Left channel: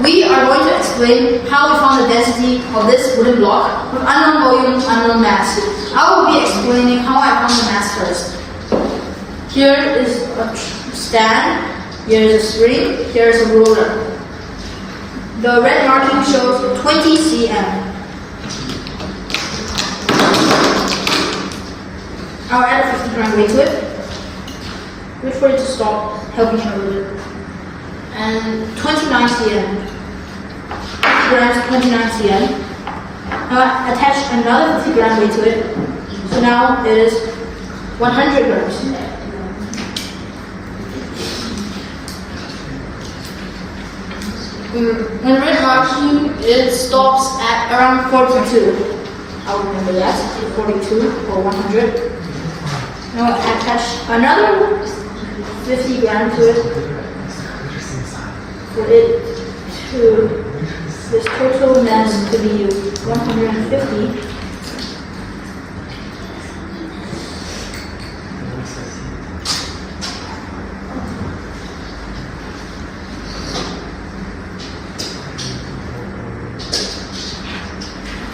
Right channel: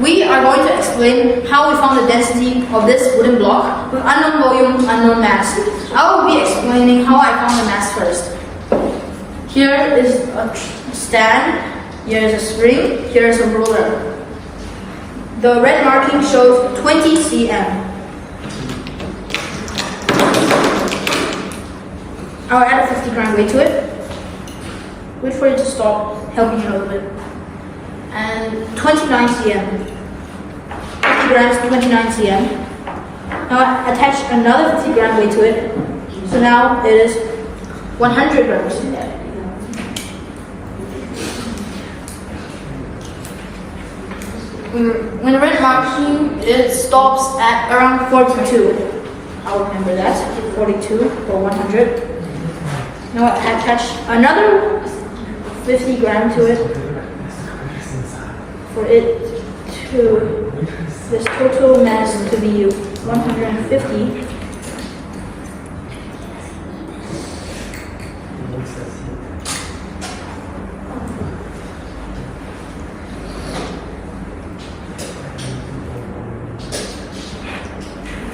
We are going to explain how we found the density of this wooden block with unknown volume, unknown mass. I will be explaining how I found the mass first. Here is a stand, here is a spring, here is a ruler. The red marking shows 20 cm. I'll add a 50 gram weight to it. Wait for it to stop, helping it a little bit. And 29 cm. 50 grams, 29 cm. Now I attach another 50 gram weight to it. So now it is 100 grams. When the red marking, it stops at around 42. I'll remember that, 42 or 100. Now I attach another 50 gram to it for it to, this total mass to be 150.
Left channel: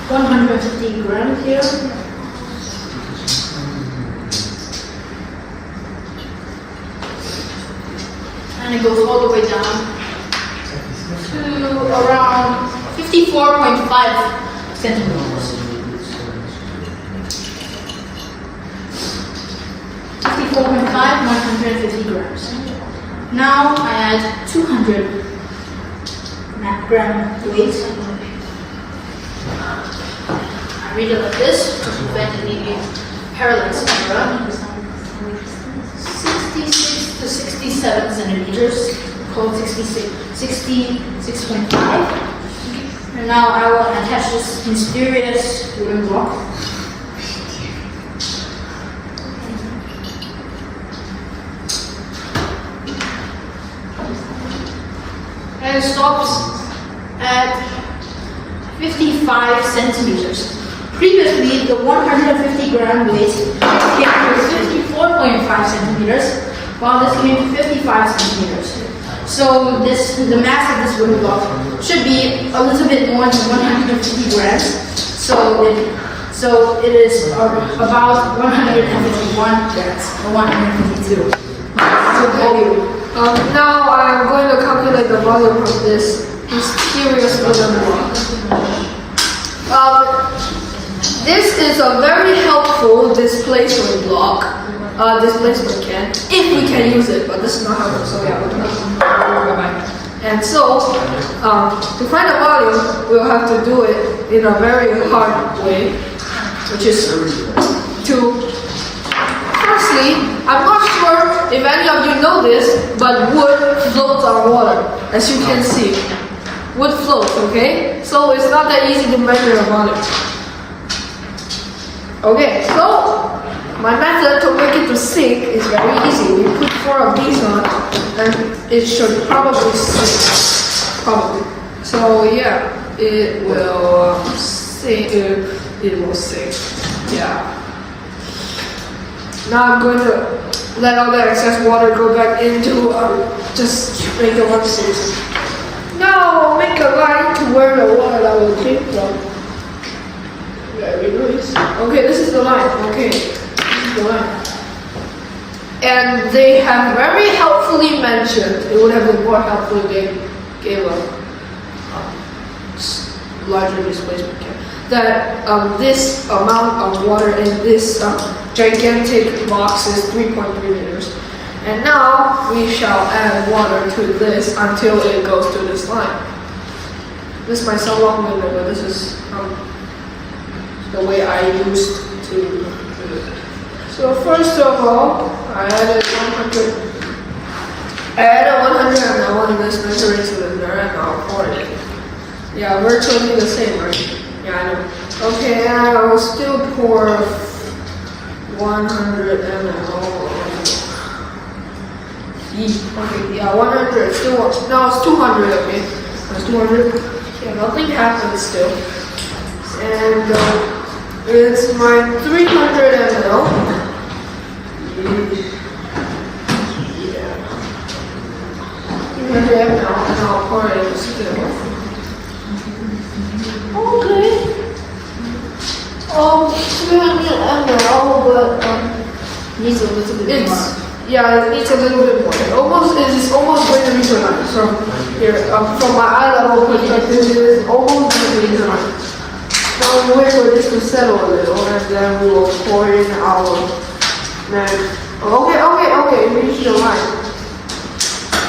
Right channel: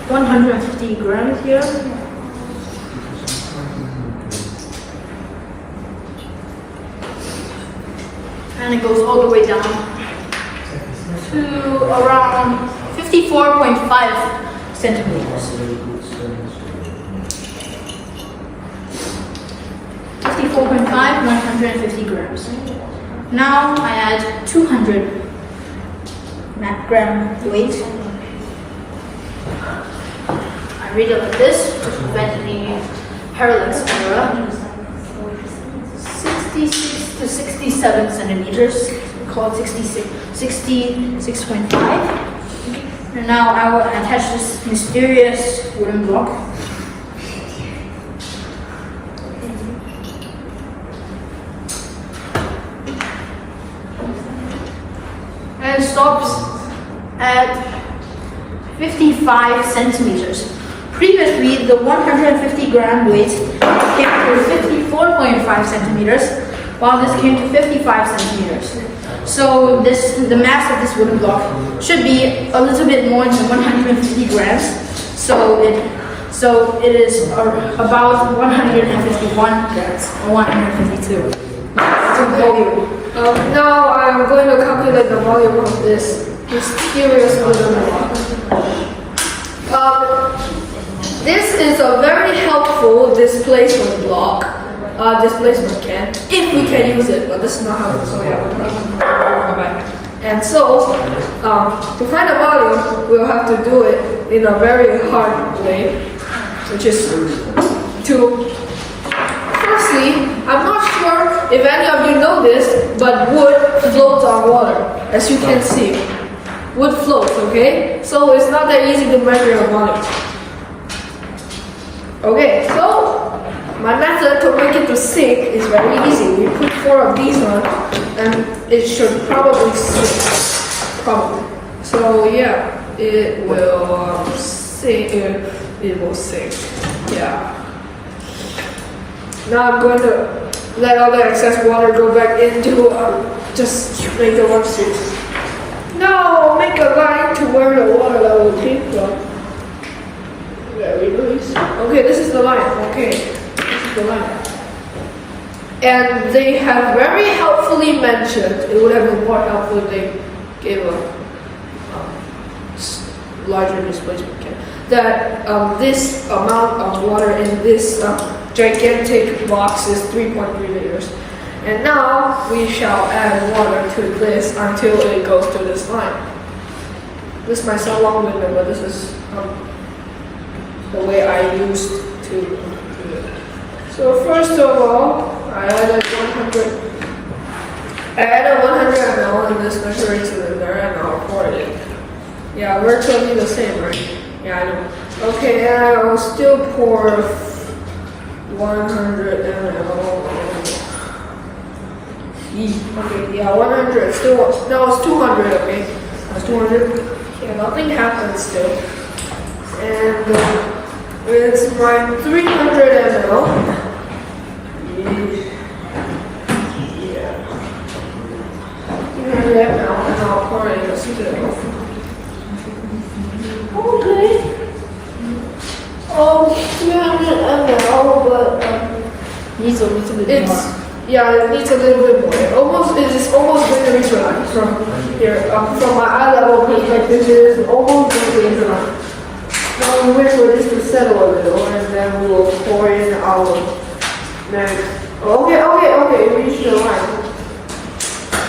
$150 grams here. And it goes all the way down to around 54.5 centimeters. 54.5, 150 grams. Now I add 200 gram weight. I read it like this to prevent any parallax error. 66 to 67 centimeters, called 66.5. And now I will attach this mysterious wooden block. And it stops at 55 centimeters. Previously, the 150 gram weight came to 54.5 centimeters, while this came to 55 centimeters. So the mass of this wooden block should be a little bit more than 150 grams. So it is about 151 grams or 152. Now I'm going to calculate the volume of this mysterious wooden block. This is a very helpful displacement block, displacement can, if we can use it, but this is not helpful, so yeah, and so, to find the volume, we'll have to do it in a very hard way, which is to, firstly, I'm not sure if any of you know this, but wood floats on water, as you can see. Wood floats, okay? So it's not that easy to measure the volume. Okay, so my method to make it to sink is very easy. We put 4 of these on, and it should probably sink. Probably. So yeah, it will sink. It will sink. Yeah. Now I'm going to let all the excess water go back into just make a one sink. Now make a line to where the water will came from. Very nice. Okay, this is the line. Okay, this is the line. And they have very helpfully mentioned, it would have been more helpful if they gave a larger displacement can, that this amount of water in this gigantic box is 3.3 liters. And now we shall add water to this until it goes to this line. This might sound long-winded, but this is the way I used to do it. So first of all, I added 100 ml in this measuring cylinder and I'll pour it. Yeah, virtually the same, right? Yeah, I know. Okay, and I will still pour 100 ml. Okay, yeah, 100. Still, no, it's 200. Okay, that's 200. Yeah, nothing happens still. And it's my 300 ml. Yeah. 300 ml, and I'll Aquarius still. Okay. 300 ml, but needs a little bit more. Yeah, it needs a little bit more. It is almost going to be dry. So here, from my eye level perspective, it is almost going to be dry. Now we wait for this to settle a little, and then we'll pour in our magic. Okay, we reached the line.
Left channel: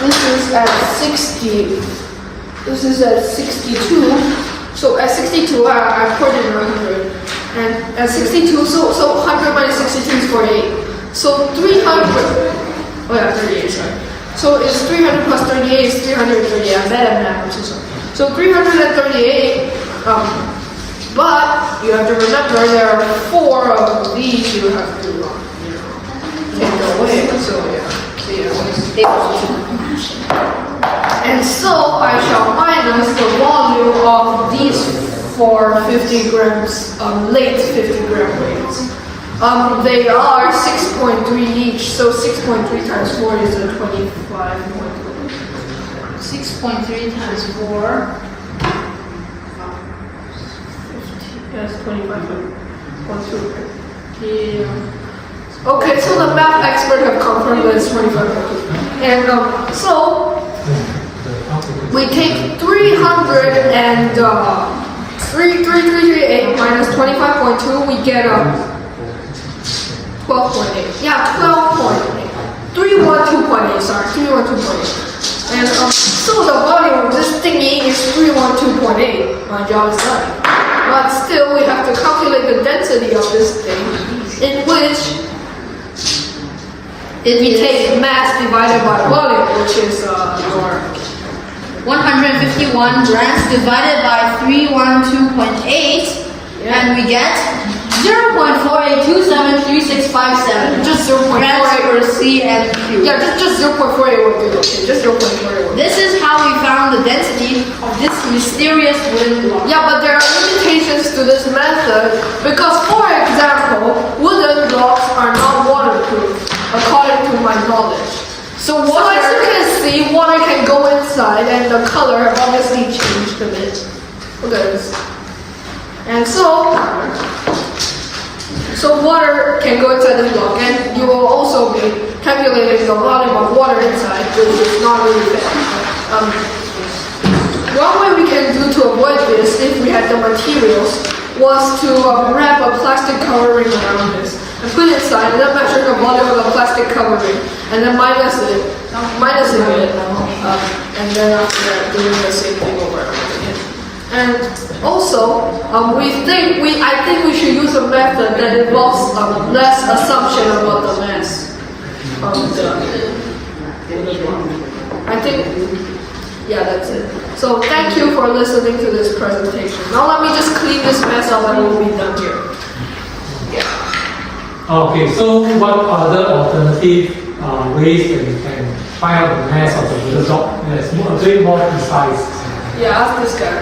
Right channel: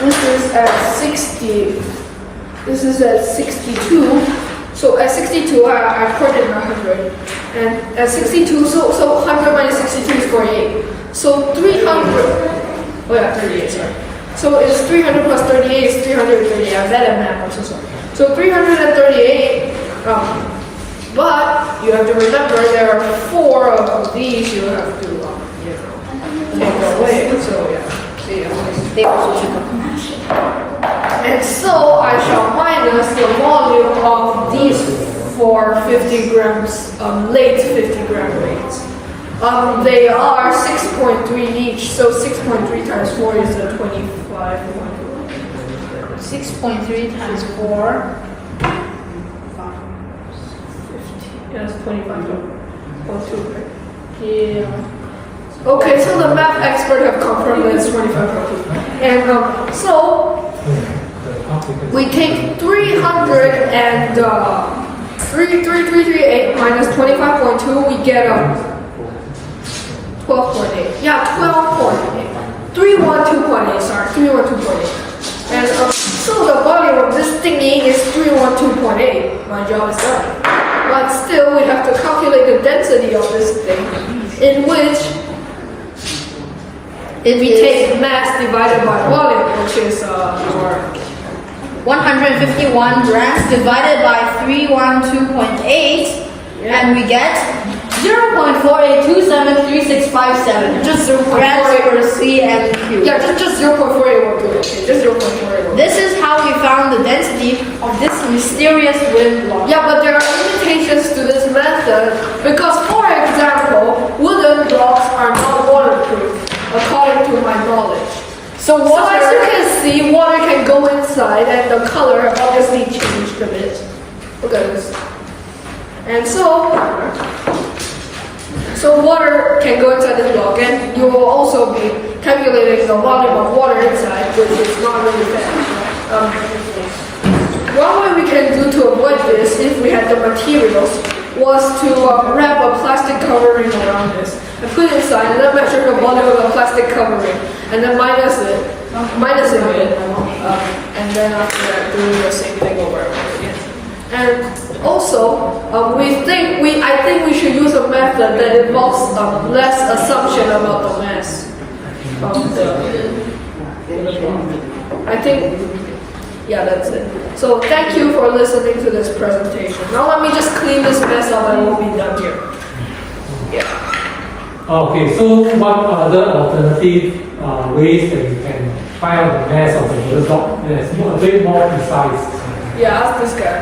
This is at 60. This is at 62. So at 62, I poured in 100. And at 62, so 100 minus 62 is 48. So 300. Oh yeah, 38, sorry. So it's 300 plus 38 is 338. I'm bad at math, I'm so sorry. So 338, but you have to remember there are 4 of these you have to, take away. So and so I shall minus the volume of these 4 50 grams, late 50 gram weights. They are 6.3 each, so 6.3 times 4 is a 25.1. 6.3 times 4. That's 25.2. Yeah. Okay, so the math expert have confirmed that it's 25.2. And so we take 300 and 338 minus 25.2, we get 12.8. Yeah, 12.8. 312.8, sorry, 312.8. And so the volume of this thingy is 312.8. My job is done. But still, we have to calculate the density of this thing, in which we take mass divided by volume, which is our 151 grams divided by 312.8, and we get 0.48273657 just grams 0.48. per cm cubed. Yeah, just 0.48 will do it. Just 0.48. This is how we found the density of this mysterious wooden block. Yeah, but there are limitations to this method because, for example, wooden blocks are not waterproof, according to my knowledge. So So water, as you can see, water can go inside, and the color obviously changed a bit. Look at this. And so water can go inside the block, and you will also be calculating the volume of water inside, which is not really bad. One way we can do to avoid this, if we had the materials, was to wrap a plastic covering around this and put it inside, and then measure the volume of the plastic covering, and then minus it a bit, and then after that, doing the same thing over and over again. And also, I think we should use a method that involves less assumption about the mass of the block. I think, yeah, that's it. So thank you for listening to this presentation. Now let me just clean this mess up and we'll be done here. Okay, so what other alternative ways that you can find out the mass of the little dog? Yes, a bit more precise. Yeah, ask this guy.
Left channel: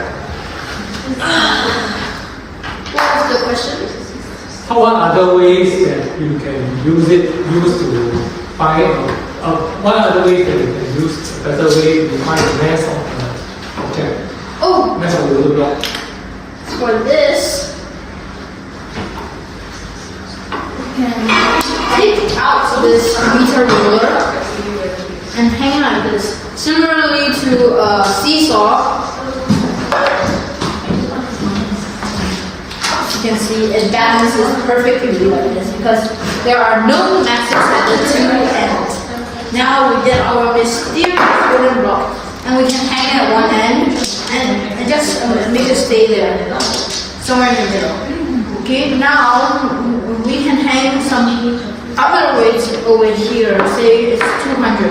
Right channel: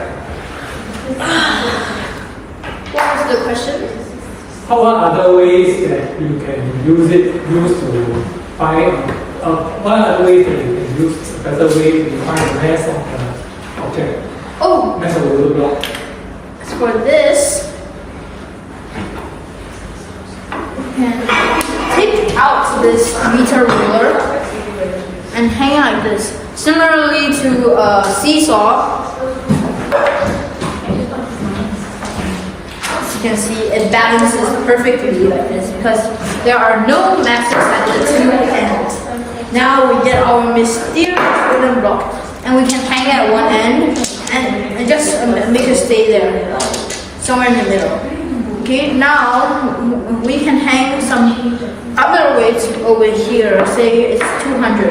what was the question? How about other ways that you can use to find, what other ways that you can use, a better way to find the mass of the object, Oh, mass of the little dog? for this, take out this meter ruler and hang like this. Similarly to a seesaw, as you can see, it balances perfectly like this because there are no masses at the two ends. Now we get our mysterious wooden block, and we can hang it at one end and just make it stay there, somewhere in the middle. Okay, now we can hang some other weights over here. Say it's 200.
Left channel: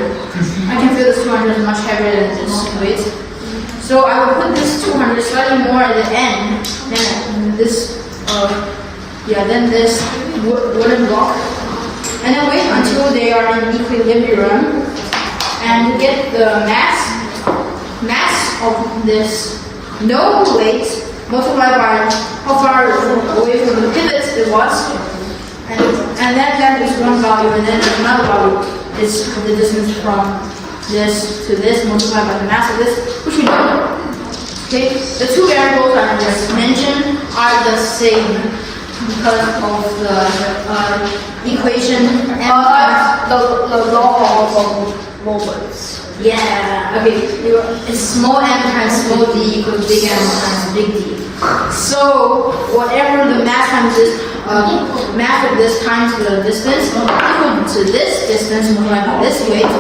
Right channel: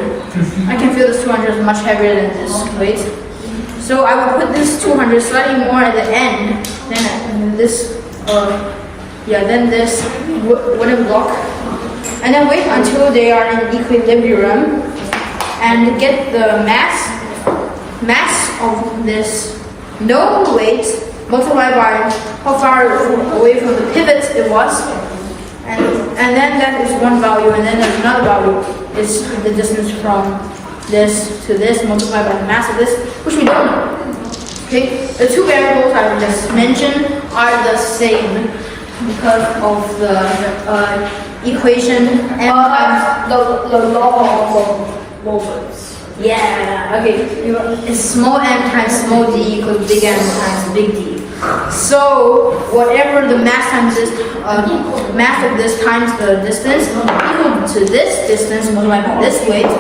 I can feel this 200 is much heavier than this weight. So I will put this 200 slightly more at the end than this, this wooden block, and then wait until they are in equilibrium, and get the mass of this known weight multiplied by how far away from the pivot it was, and then that is one value, and then there's another value. It's the distance from this to this multiplied by the mass of this, which we don't know. Okay, the two variables I just mentioned are the same because of the equation m times. The law of moments. Yeah, okay. It's small m times small d equals big M times big D. So whatever the mass times this, mass of this times the distance equal to this distance multiplied by this weight.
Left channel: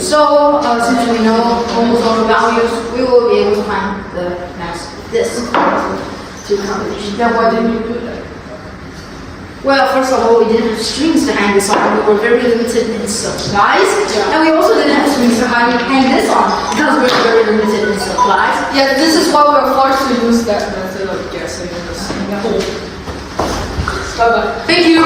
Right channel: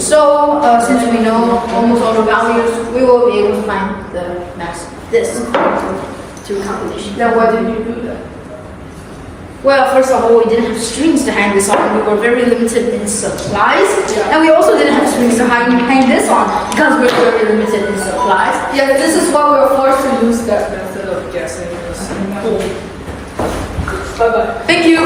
So since we know almost all the values, we will be able to find the mass of this through calculation. Then why didn't you do that? Well, first of all, we didn't have strings to hang this on. We were very limited in supplies. And we also didn't have strings to hang this on because we were very limited in supplies. Yeah, this is why we're forced to use that method of guessing this. Bye-bye. Thank you.